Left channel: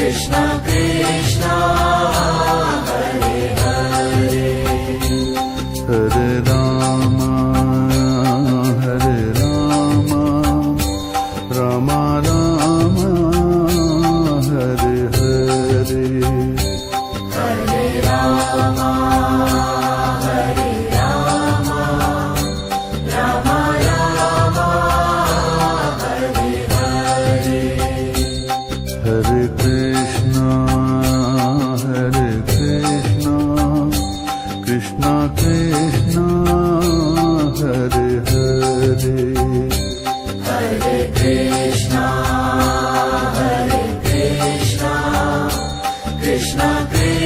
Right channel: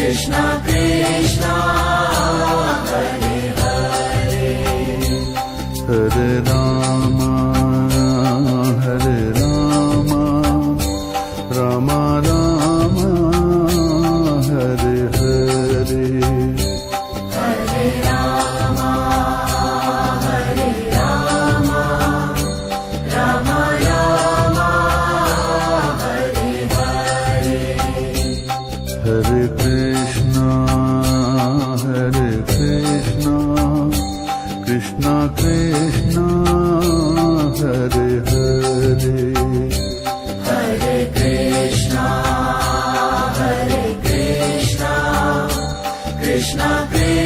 Krishna Krishna. Krishna Krishna.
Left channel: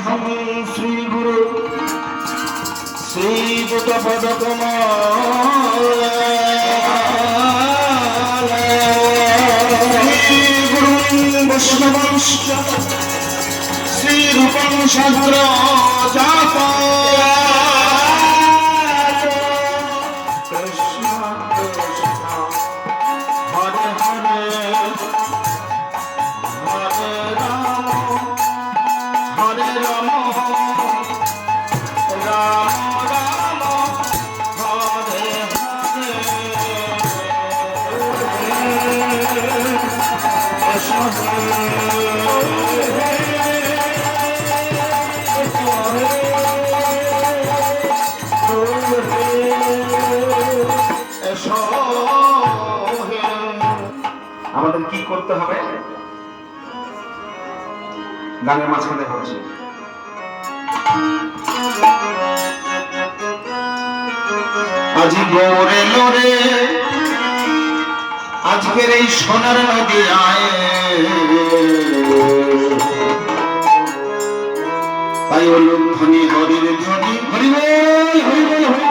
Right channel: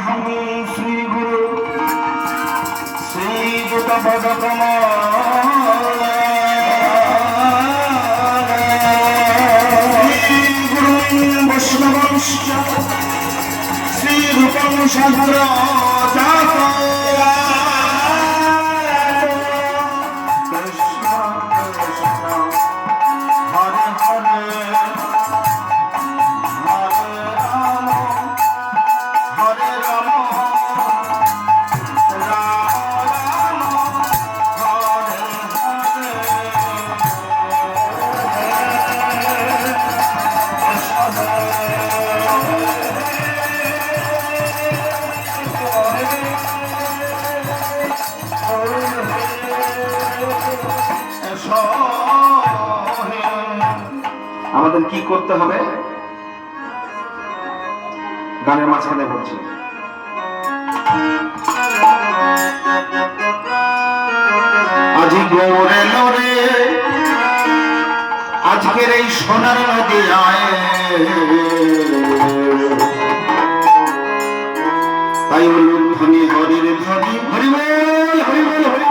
হম শ্রী গুরু শ্রী গুত পদ বৈষ্ণবংশ শ্রী রূপম সাধুরা কি করতে হবে? গানের মাঝখানে বলছি। আজি আজকের এই সোনার নদী আয়। তাই হলো ধনী হরির ধনী হরি হরি হরি হরি